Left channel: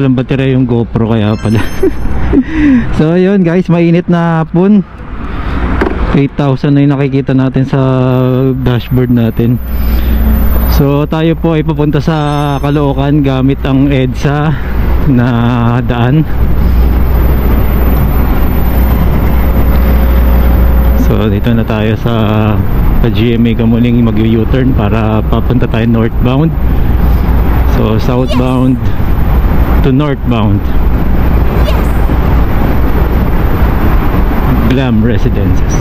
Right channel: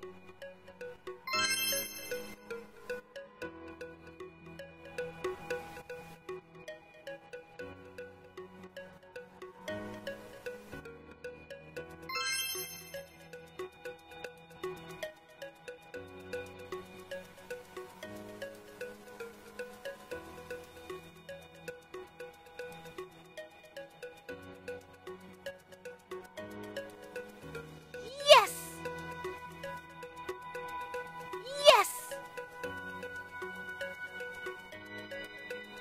palang baterya yung GoPro, kaya pala. So ayun guys, mainit na hapon. 8,000 na yung nakikita natin sa dashboard natin. So tayo po ay pupunta sa Caloocan gamit ang EDSA na daan. So dito na tayo sa GMA Kamuning, mag-U-turn para papunta tayo northbound. So southbound to northbound. Yes! Glam Residences.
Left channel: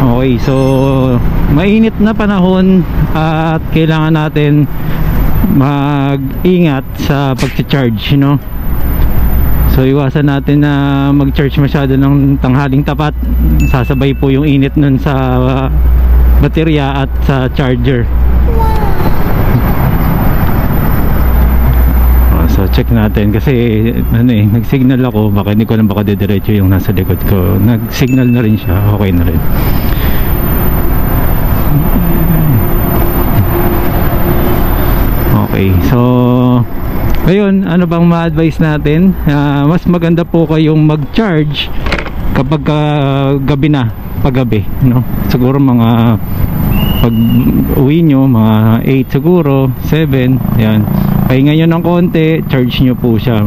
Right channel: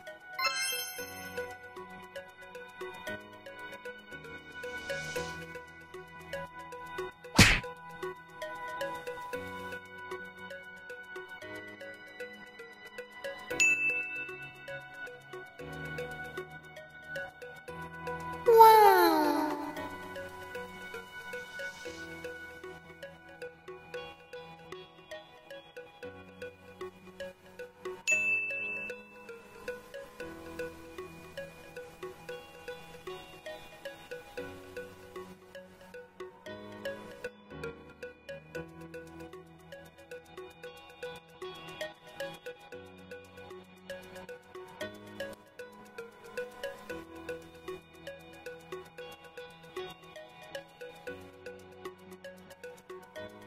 Okay, so mainit na panahon at kailangan natin mag-ingat sa pag-charge, no? So iwasan natin na mag-charge masyado ng tanghaling tapat. Sasabay po yung init nun sa baterya at sa charger. Wow! So check natin kasi nag-signal ako, baka hindi ko lang baka didiretso yung nasa likod ko. Nag-signal na rin siya, okay na rin. Okay, so ayun, ano bang ma-advise natin? Mas maganda po kayong mag-charge kapag gabi na, paggabi, no? Siguro mga pag uwi nyo, mga 8 siguro, 7, yan. Pahinga nyo ng konti, charge nyo po siya.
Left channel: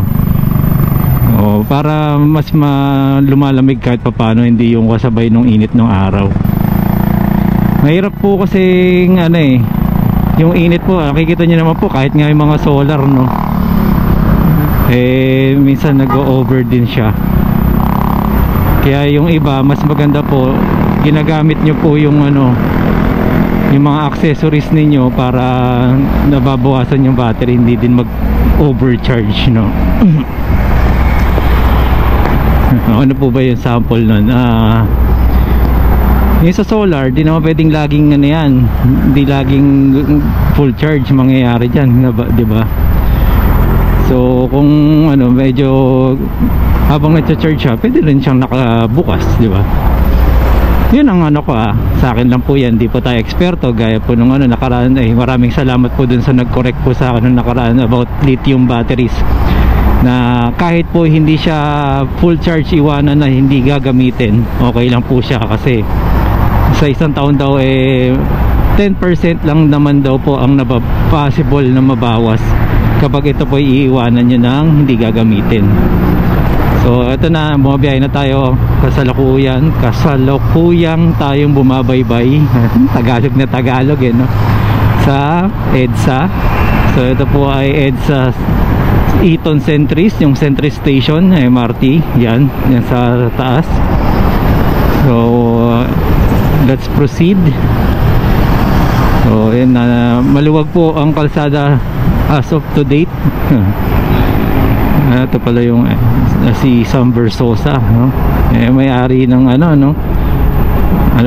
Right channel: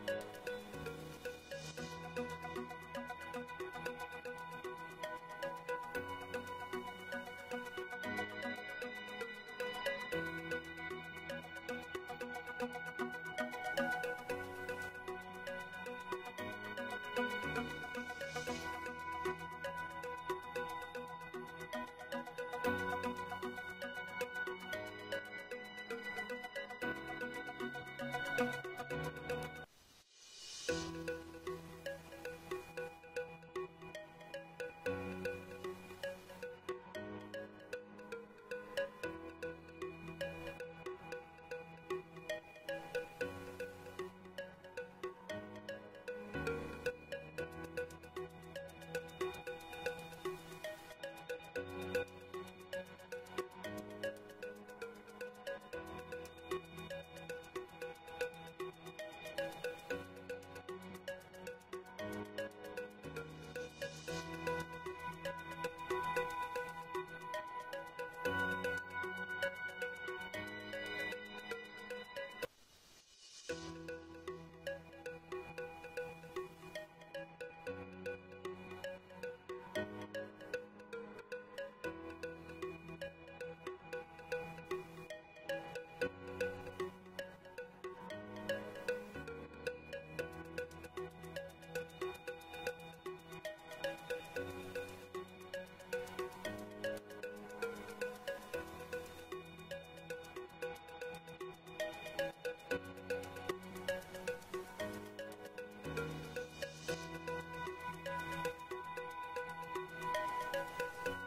O, para mas lumalamig kahit papano, hindi yung kasabay nung init ng araw. Mahirap po kasi yung init po, nakikita nyo naman po kahit nga yung mga solar, no? Minsan nag-o-over din siya. Kaya yung iba, mas maganda po, ginagamit nyo po yung yung mga accessories ninyo para nababawasan yung battery, hindi din mag-overcharge, no? Ano po ba yung sample nun? Yung sa solar, di naman pwedeng laging yan, hindi laging full charge mangyayari dyan, diba? So kung medyo habang nagcha-charge siya, pwede rin siyang nakabukas, diba? Yun ang sa akin lang po yan, di po tayo eksperto, gaya po nung nakaraan. Maraming salamat po dun sa nag-correct po sa akin nung nakaraan about lithium batteries, na kahit po hindi siya full charge, iwanan na hindi gagamitin, okay lang po siya. Kasi sa isang taon daw 10% lang naman daw po ang possible na mabawas kapag ito po iiwanan nyo nang hindi gagamitin. So ito na, bumabiyahe na tayo. Kasalukuyang tayong bumabaybay. Tagalog na Tagalog, no? Sa EDSA. So ito po ay EDSA Eton Centris, yung Centris Station, MRT. Yan sa taas. So let's proceed. So yan, maluwag po ang kalsada as of to date. Ito pala yung si Sam Versosa, no? May-ari ng ano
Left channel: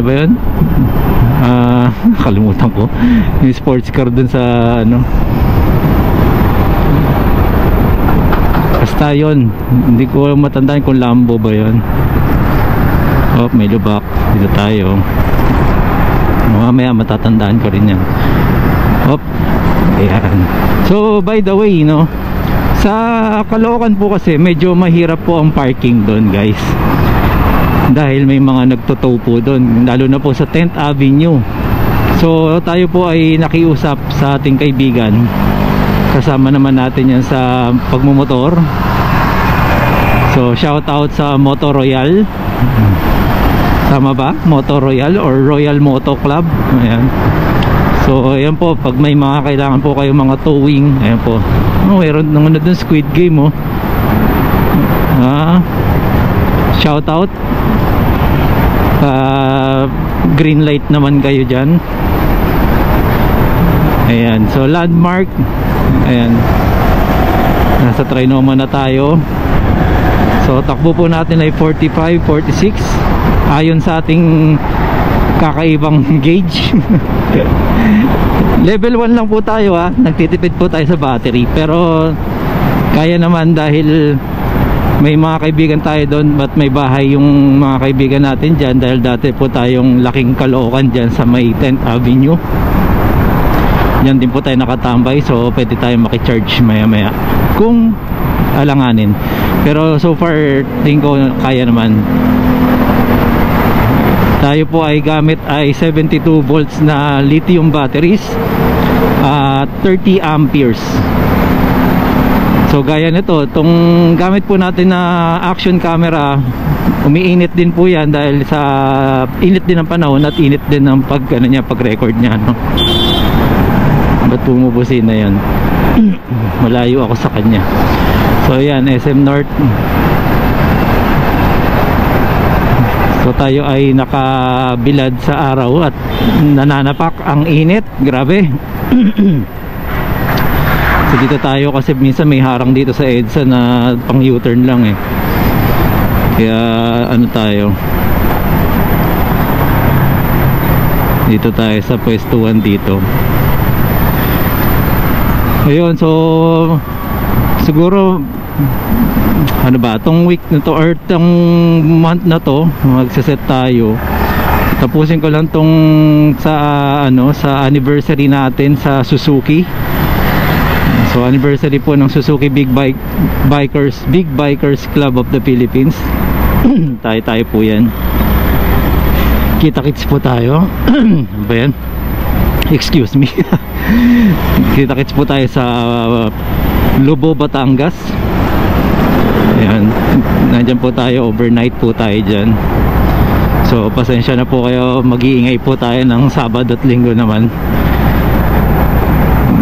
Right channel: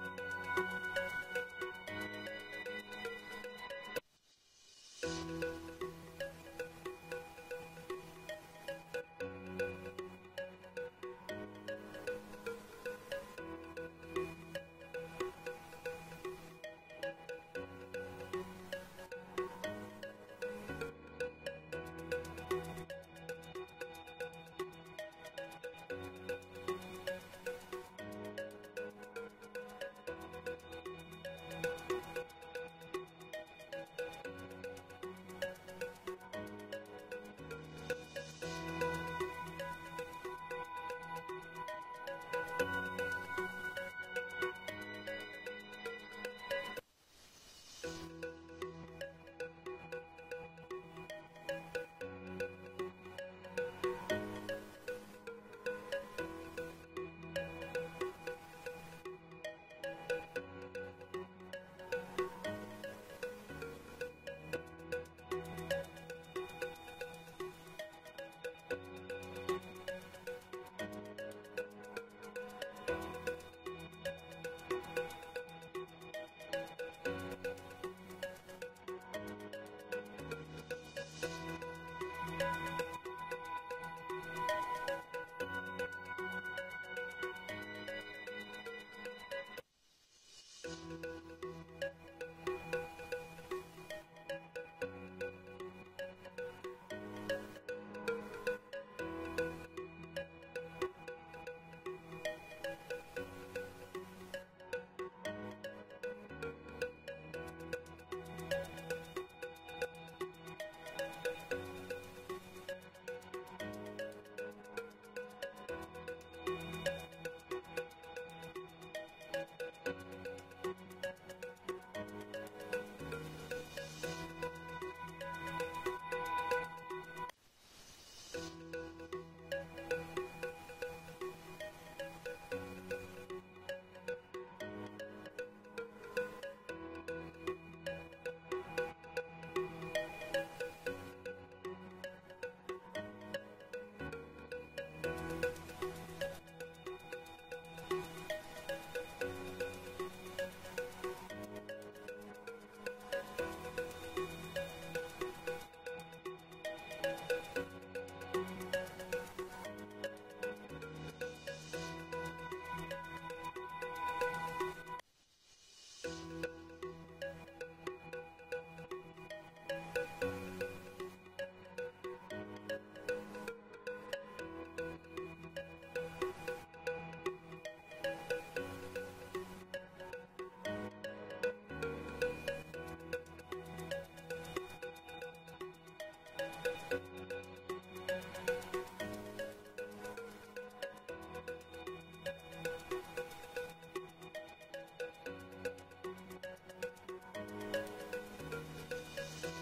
ba yun? Kalimutan ko yung sports car dun sa basta yun, hindi ko matandaan kung Lambo ba yun. Oh, may lubak dito tayo. Mamaya matatandaan ko rin yan. Oh, ayan. So by the way, no, sa Caloocan po kasi medyo mahirap po ang parking doon, guys, dahil may mga nagtotow po doon, lalo na po sa 10th Avenue. So tayo po ay nakiusap sa ating kaibigan, kasama naman natin yan sa pagmumotor. So shout out sa Moto Royal, tama ba? Moto Royal or Royal Moto Club. Ayan. So ayan po, pag may mga kailangan po kayo mga towing, ayan po. Mayroon nang dun Squid Game, shout out. Green light naman kayo dyan. Ayan, so landmark. Ayan, nasa Trinoma na tayo. So takbo po natin ay 45, 46 ayon sa ating kakaibang gauge. Level 1 lang po tayo, nagtitipid po tayo sa battery, pero kaya naman dahil may mga kaibigan tayo doon at may bahay yung mga kaibigan natin dyan, dahil dati po tayong laking Caloocan dyan sa may 10th Avenue. Yan din po tayo nakatambay, so pwede tayo makicharge maya maya kung alanganin. Pero so far tingin ko kaya naman. Tayo po ay gamit ay 72 volts na lithium batteries at 30 amperes. So gaya nito, itong gamit po natin na action camera, umiinit din po yan dahil sa init din ng panahon at init din ng pag-record niya, no? Ba't bumubusin na yan? Malayo ako sa kanya. So yan, SM North. So tayo ay nakabilad sa araw at nananapak ang init. Grabe. So dito tayo kasi minsan may harang dito sa EDSA na pang U-turn lang eh. Kaya ano tayo, dito tayo sa pwestuhan dito. Ayun, so siguro ano ba, tong week na to or tong month na to magse-set tayo. Tapusin ko lang tong sa ano, sa anniversary natin sa Suzuki. So anniversary po ng Suzuki Big Bikers Club of the Philippines. Tayo po yan. Kita-kits po tayo. Ba yan? Excuse me. Kita-kits po tayo sa Lobo, Batangas. Ayan, nandyan po tayo, overnight po tayo dyan. So pasensya na po kayo, mag-iingay po tayo ng Sabado at Linggo naman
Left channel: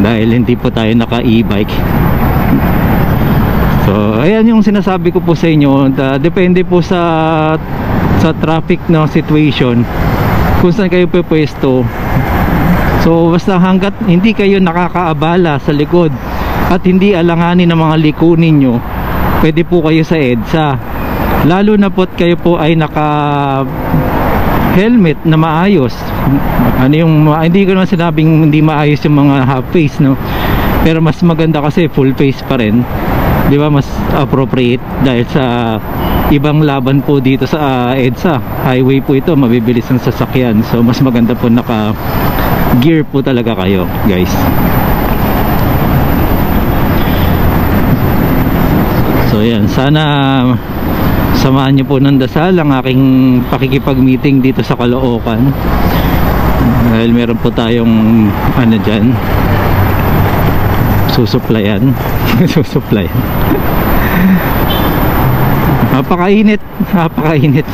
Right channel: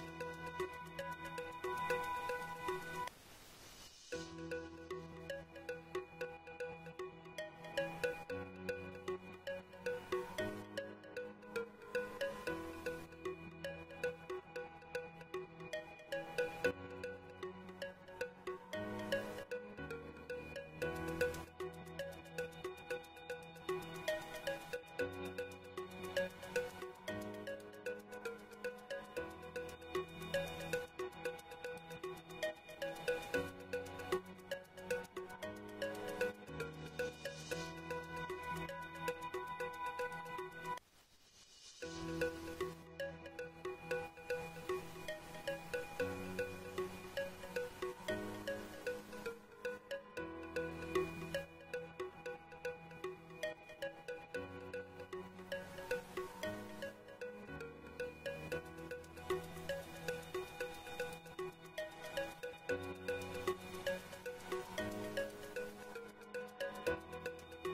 dahil hindi po tayo naka e-bike. So ayan yung sinasabi ko po sa inyo, depende po sa traffic na situation kung saan kayo pwesto. So basta hanggat hindi kayo nakakaabala sa likod at hindi alanganin ng mga liko ninyo, pwede po kayo sa EDSA. Lalo na po't kayo po ay naka helmet na maayos. Ano yung hindi ko naman sinabing hindi maayos yung mga half face, no? Pero mas maganda kasi full face pa rin. 'Di ba? Mas appropriate dahil sa ibang laban po dito sa EDSA. Highway po ito, mabibilis ang sasakyan. So mas maganda po naka gear po talaga kayo, guys. So yan, sana samahan nyo po ng dasal ang aking pakikipag-meeting dito sa Caloocan, dahil meron po tayong ano dyan, susuplayan. Susuplayan. Napakainit, napakainit.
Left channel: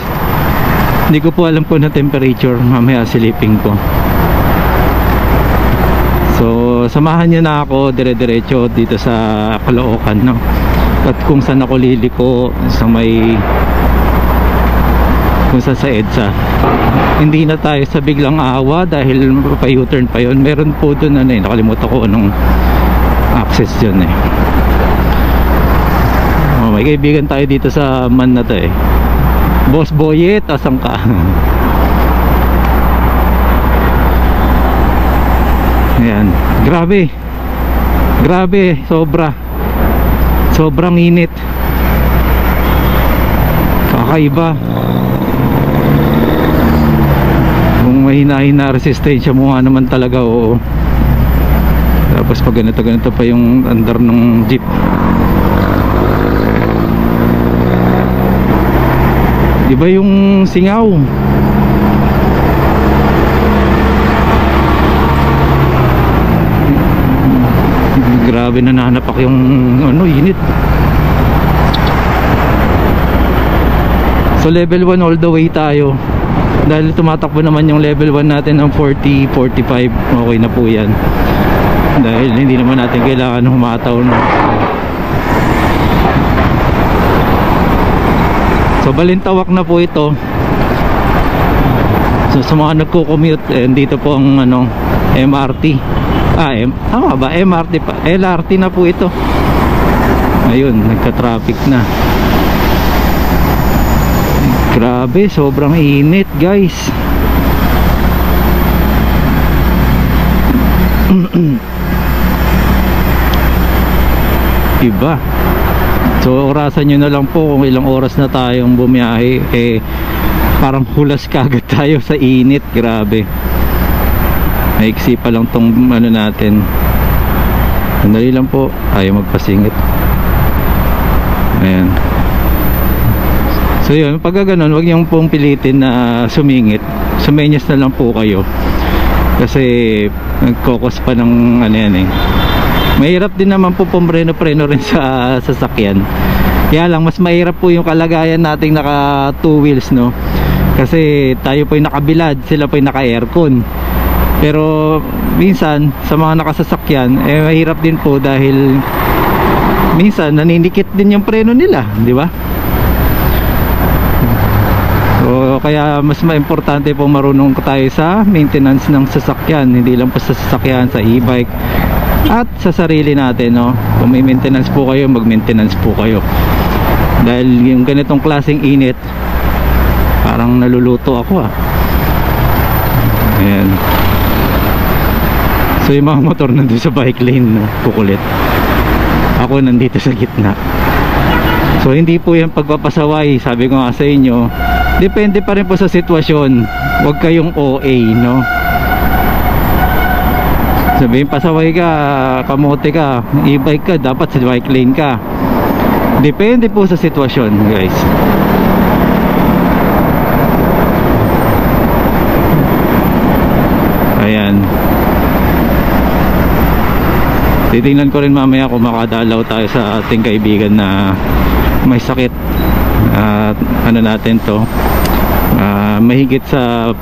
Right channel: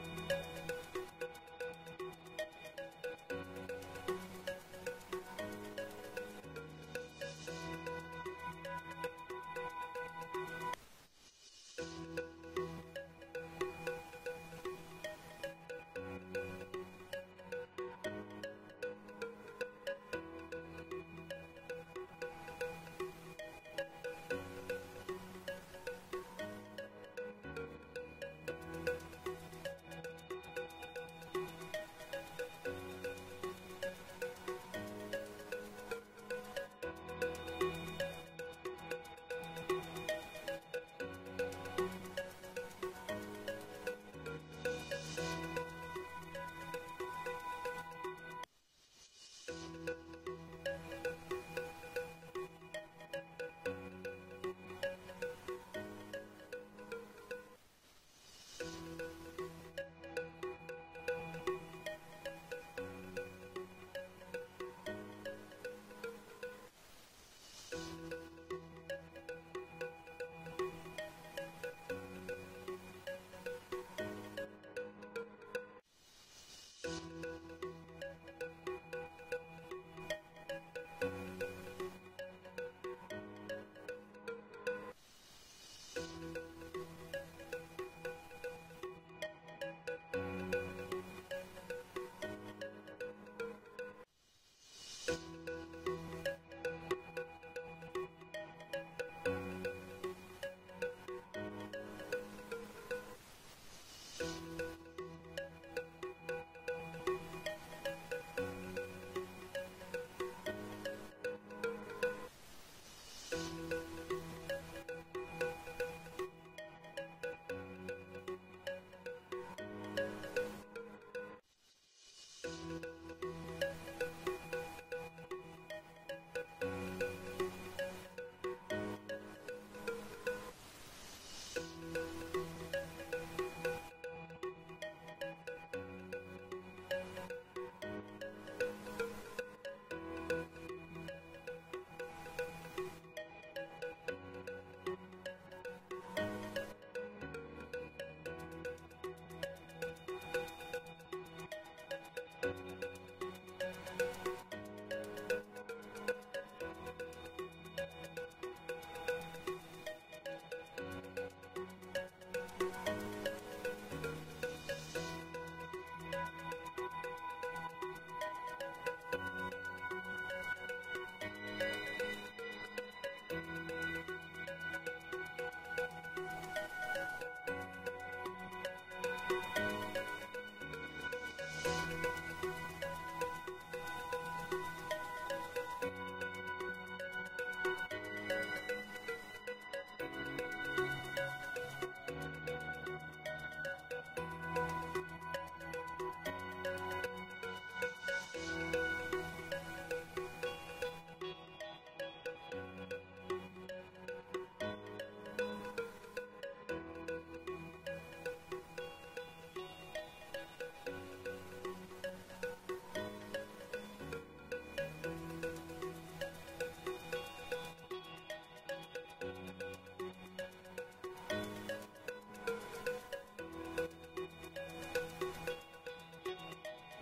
Hindi ko po alam po na temperature, mamaya silipin ko. So samahan nyo na ako dire-diretso dito sa Caloocan, no? At kung saan ako liliko sa may, kung saan sa EDSA. Hindi na tayo sa biglang awa dahil pa U-turn pa yun. Meron po dun ano eh, nakalimutan ko anong access dyan eh. Oh, may kaibigan tayo dito sa man na to eh. Boss Boyet, asan ka? Ayan, grabe. Grabe, sobrang init. Kakaiba. Kung mahina-hina resistensya mo nga naman talaga, oo. Tapos pag ganito pa yung andar ng jeep. Iba yung singaw. Grabe na nanapak yung ano, init. So level 1 all the way tayo. Dahil tumatakbo naman yung level 1 natin ng 40, 45. Okay na po yan. Dahil hindi naman natin kailangan humataw, no? So balintawak na po ito. So sa mga nagko-commute, dito po ang ano, MRT. Tama ba? MRT pa. LRT na po ito. Ayun, nagka-traffic na. Grabe, sobrang init, guys. Iba. So orasan nyo na lang po kung ilang oras na tayong bumiyahe. Parang hulas kagad tayo sa init. Grabe. Maiksi pa lang tong ano natin. Sandali lang po, ayaw magpasingit. Ayan. So yun, pag gano'n, wag niyong pong pilitin na sumingit. Sumenyas na lang po kayo. Kasi nagkokos pa ng ano yan eh. Mahirap din naman po pumreno-preno rin sa sasakyan. Kaya lang, mas mahirap po yung kalagayan nating naka 2 wheels, no? Kasi tayo po yung nakabilad, sila po yung naka-aircon. Pero minsan sa mga nakasasakyan mahirap din po dahil minsan naninikit din yung preno nila, di ba? So kaya mas importante po marunong tayo sa maintenance ng sasakyan, hindi lang po sa sasakyan, sa e-bike at sa sarili natin, no? Kung may maintenance po kayo, mag-maintenance po kayo. Dahil yung ganitong klaseng init, parang naluluto ako ah. Ayan. So yung mga motor nandun sa bike lane, no? Kukulit. Ako nandito sa gitna. So hindi po yan pagpapasaway. Sabi ko nga sa inyo, depende pa rin po sa sitwasyon. Huwag kayong OA, no? Sabihin pasaway ka, kamote ka, e-bike ka, dapat sa bike lane ka. Depende po sa sitwasyon, guys. Ayan. Titingnan ko rin mamaya kung makadalaw tayo sa ating kaibigan na may sakit. Ano natin to, mahigit sa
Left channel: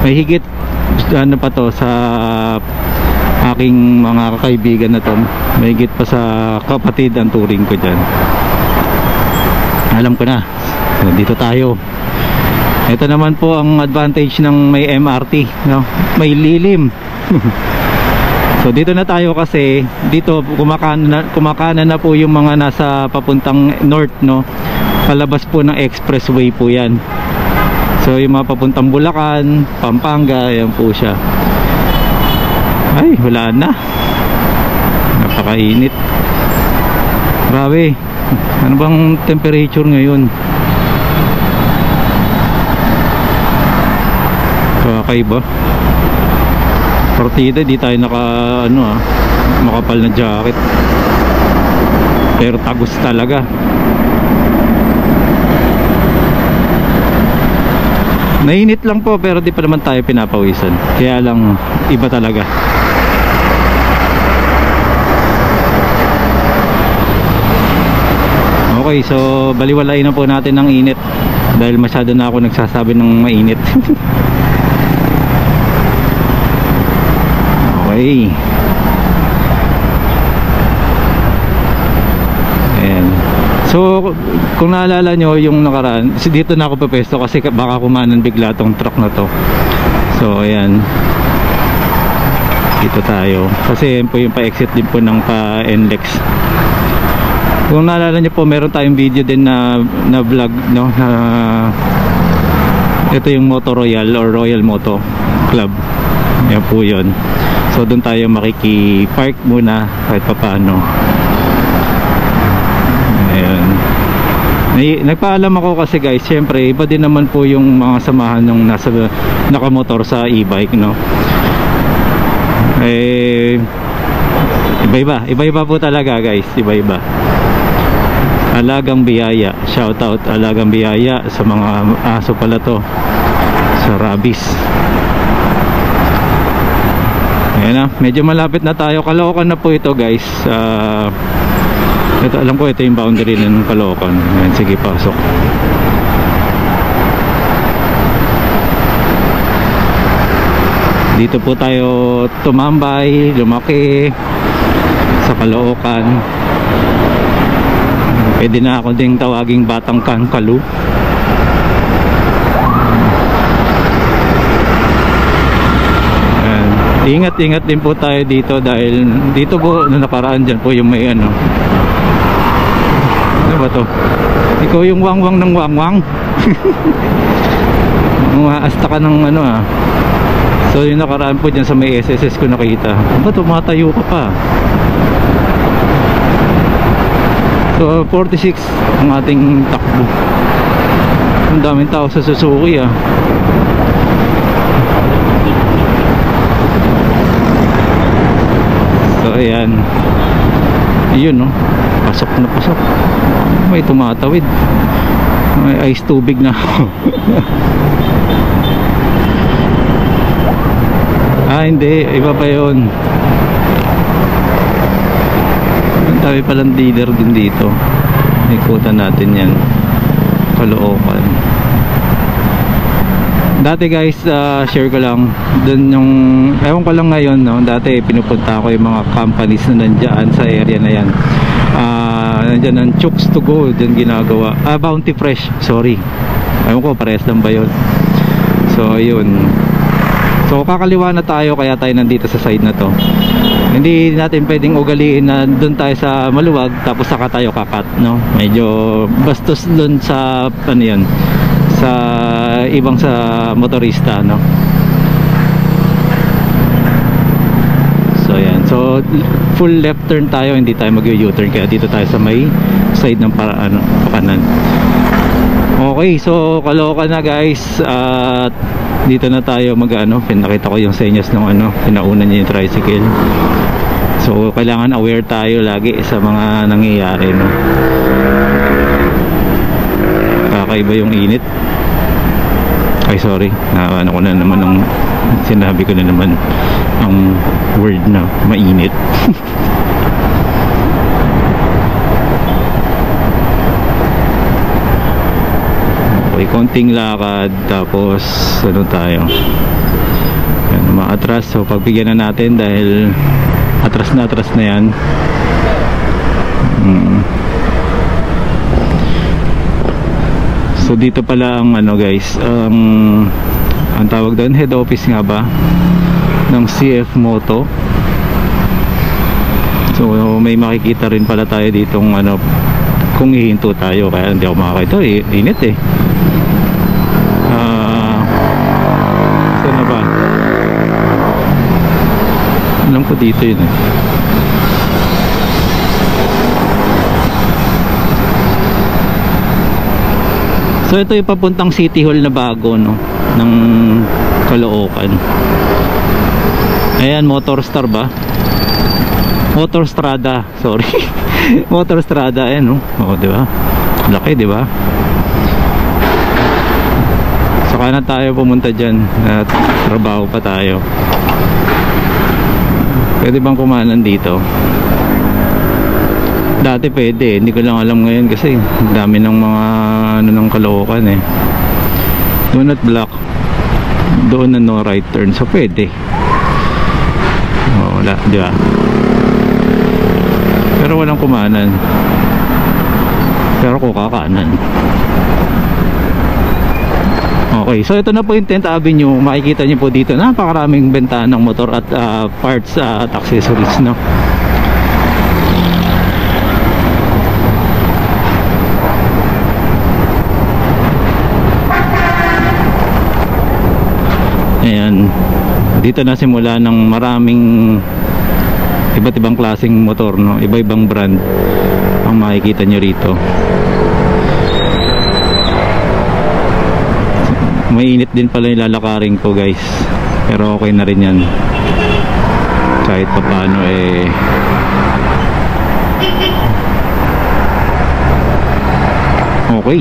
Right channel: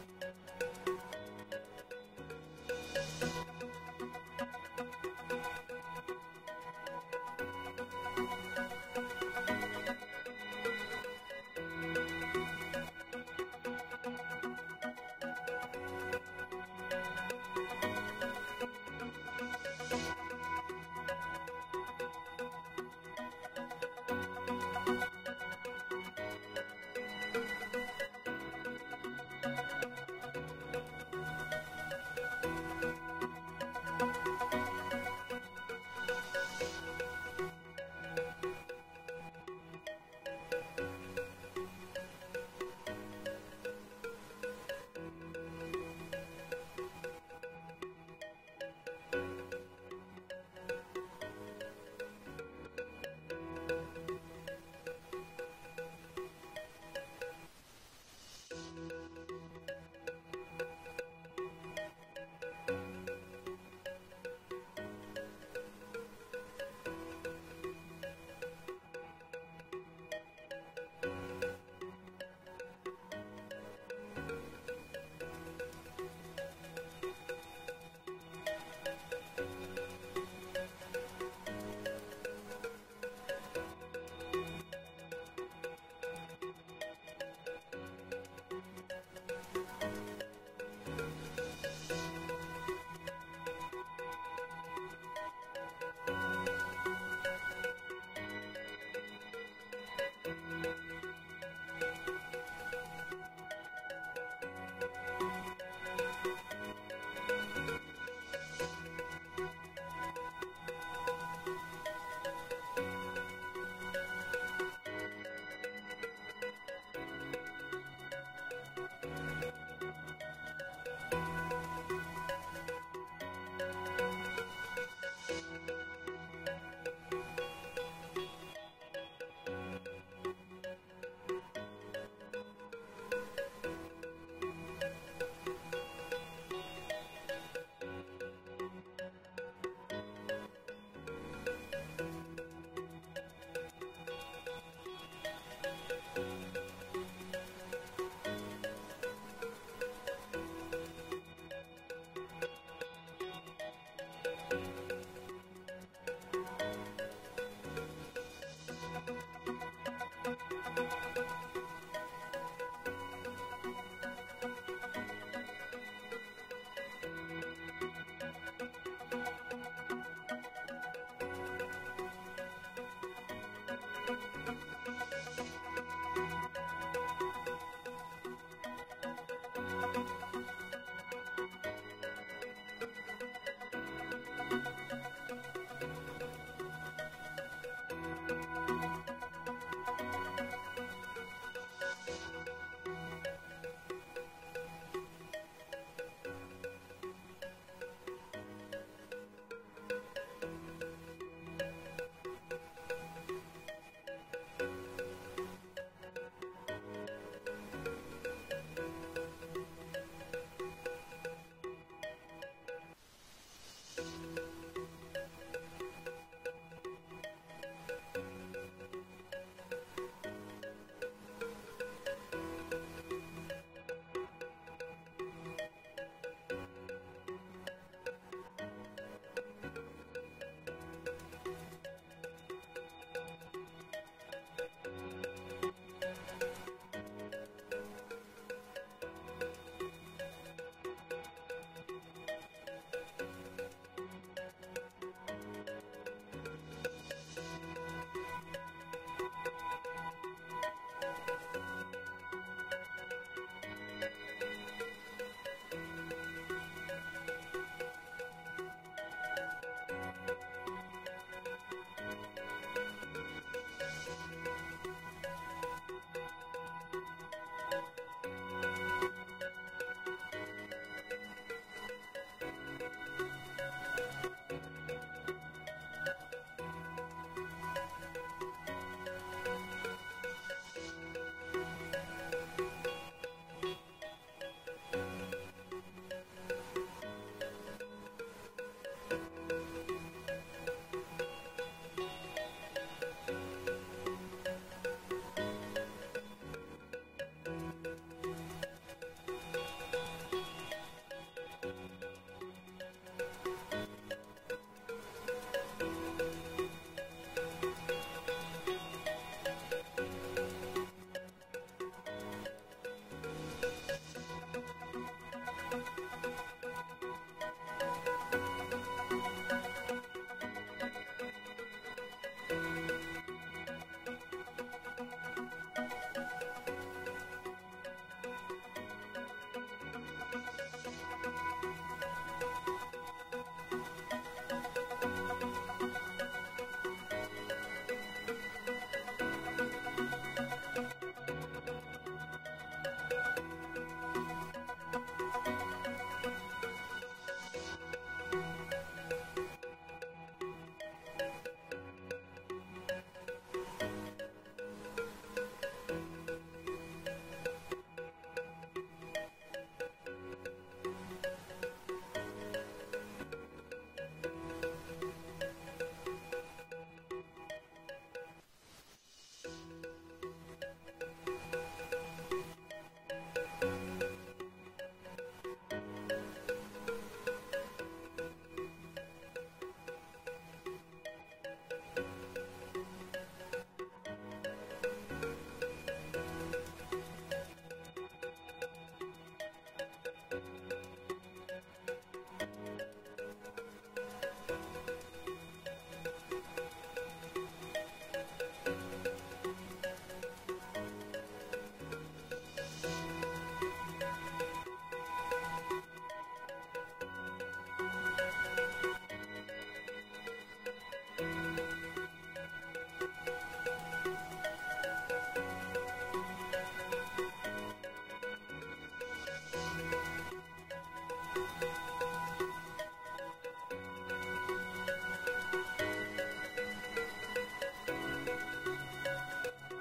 mahigit ano pa to sa aking mga kaibigan na to, mahigit pa sa kapatid ang turing ko dyan. Alam ko na. So, dito tayo. Ito naman po ang advantage ng may MRT, no? May lilim. So dito na tayo kasi dito kumakanan na po yung mga nasa papuntang north, no? Palabas po ng expressway po yan. So yung mga papuntang Bulacan, Pampanga, yan po siya. Ay, wala na. Napakainit. Grabe. Ano bang temperature ngayon? Kakaiba. Partida, di tayo naka makapal na jacket. Pero tagos talaga. Nainit lang po pero di pa naman tayo pinapawisan. Kaya lang iba talaga. Okay, so baliwalain na po natin ng init dahil masyado na ako nagsasabi ng mainit. Okay. Ayan. So kung naalala nyo yung nakaraan, dito na ako pepesto kasi baka kumanan bigla tong truck na to. So ayan, dito tayo kasi yan po yung pa-exit din po ng pa-NLEX. Kung naalala nyo po, meron tayong video din na vlog, no, na ito yung Moto Royal or Royal Moto Club. Yan po yun. So doon tayo makiki-park muna kahit papaano. Ayan. Nagpaalam ako kasi guys, syempre iba din naman po yung mga samahan ng nasa nakamotor sa e-bike, no? Iba-iba po talaga guys, iba-iba. Alagang biyaya, shout out Alagang Biyaya sa mga aso pala to sa rabies. Ayan na, medyo malapit na tayo. Caloocan na po ito guys. Ito, alam ko ito yung boundary ng Caloocan. Ayan, sige, pasok. Dito po tayo tumambay, lumaki sa Caloocan. Pwede na ako ding tawaging Batang Kankalu. Ingat-ingat din po tayo dito dahil dito po na nakaraan dyan po yung may ano ba to? Ikaw yung wangwang ng wangwang. Umaasta ka ng ano ah. So yung nakaraan po dyan sa may SSS ko nakita. Ba tumatayo ka pa? So 46 ang ating takbo. Ang daming tao sa Suzuki ah. ayan. Yun, no? Pasok na pasok. May tumatawid. May ice tubig na. Hindi, iba pa yun. Ang dami palang dealer din dito. Ikutan natin yan. Caloocan. Dati guys, share ko lang dun yung, ewan ko lang ngayon, no? Dati pinupunta ko yung mga companies na nandyan sa area na yan. Nandyan ang Chooks to Go, dyan ginagawa. Bounty Fresh, sorry. Ewan ko, parehas lang ba yun? So, ayun. So, kakaliwa na tayo, kaya tayo nandito sa side na to. Hindi natin pwedeng ugaliin na dun tayo sa maluwag, tapos saka tayo kakat, no? Medyo bastos dun sa, ano yan, sa ibang sa motorista, no? So yan, so full left turn tayo, hindi tayo mag-u-turn, kaya dito tayo sa may side ng kanan. Okay, so Caloocan na guys, at dito na tayo pinakita ko yung senyas ng pinauna niya yung tricycle. So kailangan aware tayo lagi sa mga nangyayari, no? Kakaiba yung init. Ay sorry, ko na naman ang sinabi ko na naman ang word na mainit. Okay, konting lakad, tapos tayo, yan, maatras. So pagbigyan na natin dahil atras na yan. So dito pala ang guys, ang tawag doon, head office nga ba ng CF Moto. So may makikita rin pala tayo ditong kung hihinto tayo, kaya hindi ako makakita, init eh. Saan na ba? Alam ko dito yun eh. So ito yung papuntang City Hall na bago, no, ng Caloocan. Ayan, Motorstar ba? Motorstrada, sorry. Motorstrada, ayan, no. Di ba? Laki, di ba? Saka na tayo pumunta dyan at trabaho pa tayo. Pwede bang kumanan dito? Dati pwede, hindi ko lang alam ngayon kasi dami ng mga ng Caloocan eh. Do not block, doon na no right turn, so pwede. Wala, di ba? Pero walang kumanan, pero kukakanan. Okay, so ito na po yung 10th Avenue. Makikita nyo po dito napakaraming benta ng motor at parts at accessories, no? Ayan, dito na simula ng maraming iba't ibang klaseng motor, no? Iba-ibang brand ang makikita nyo rito. Mainit din pala yung lalakarin ko guys, pero okay na rin yan kahit pa paano okay.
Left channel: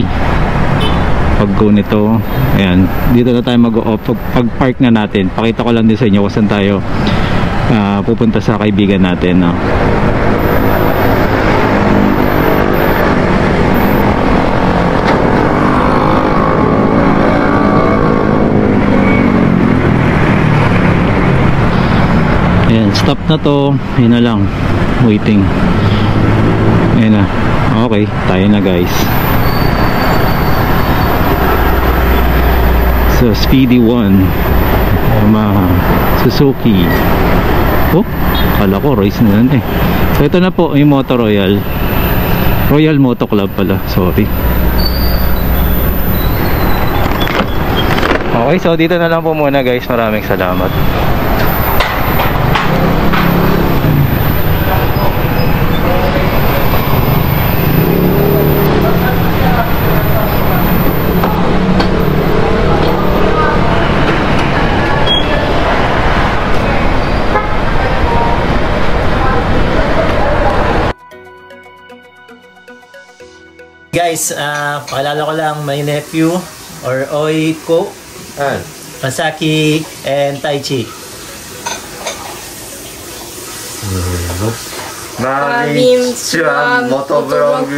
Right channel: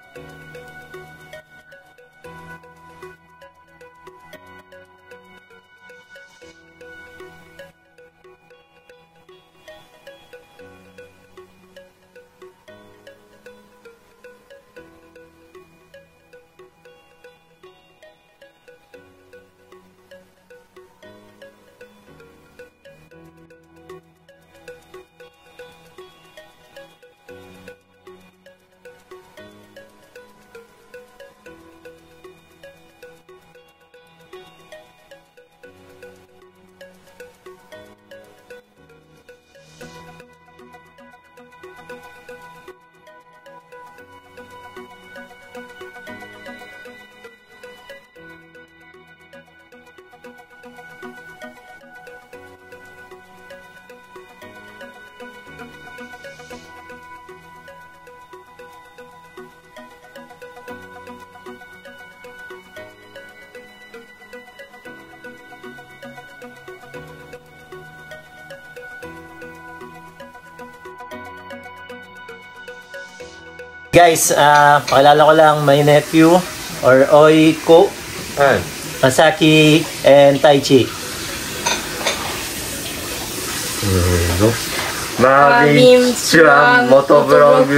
Pag go nito, ayan, dito na tayo mag-off. Pag park na natin, pakita ko lang din sa inyo kung saan tayo pupunta sa kaibigan natin, no? Ayan, stop na to. Yun na lang, waiting. Ayan na, okay, tayo na guys. So Speedy 1 Yamaha Suzuki. Oh, kala ko race na yan eh. So ito na po yung Moto Royal Moto Club pala, sorry. Okay, so dito na lang po muna guys. Maraming salamat. Guys, pakilala ko lang my nephew or Oiko, Masaki, and Taichi. Marvin Chua Motovlog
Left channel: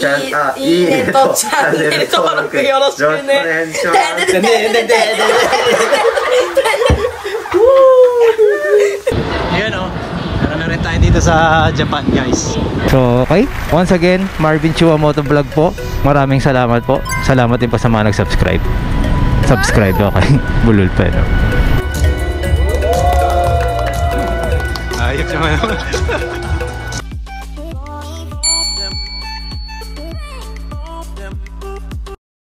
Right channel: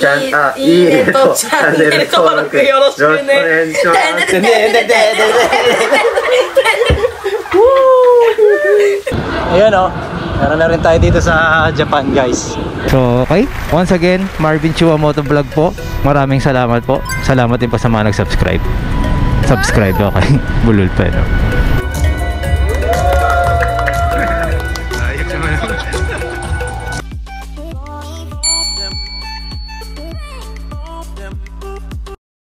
ちゃん、いいねとチャンネル登録よろしくね。Ayan o, meron na rin tayo dito sa Japan guys. So okay, once again, Marvin Chua Motovlog po. Maraming salamat po. Salamat din po sa mga nag-subscribe. Subscribe, okay. Bulol pa, no? Ayos naman.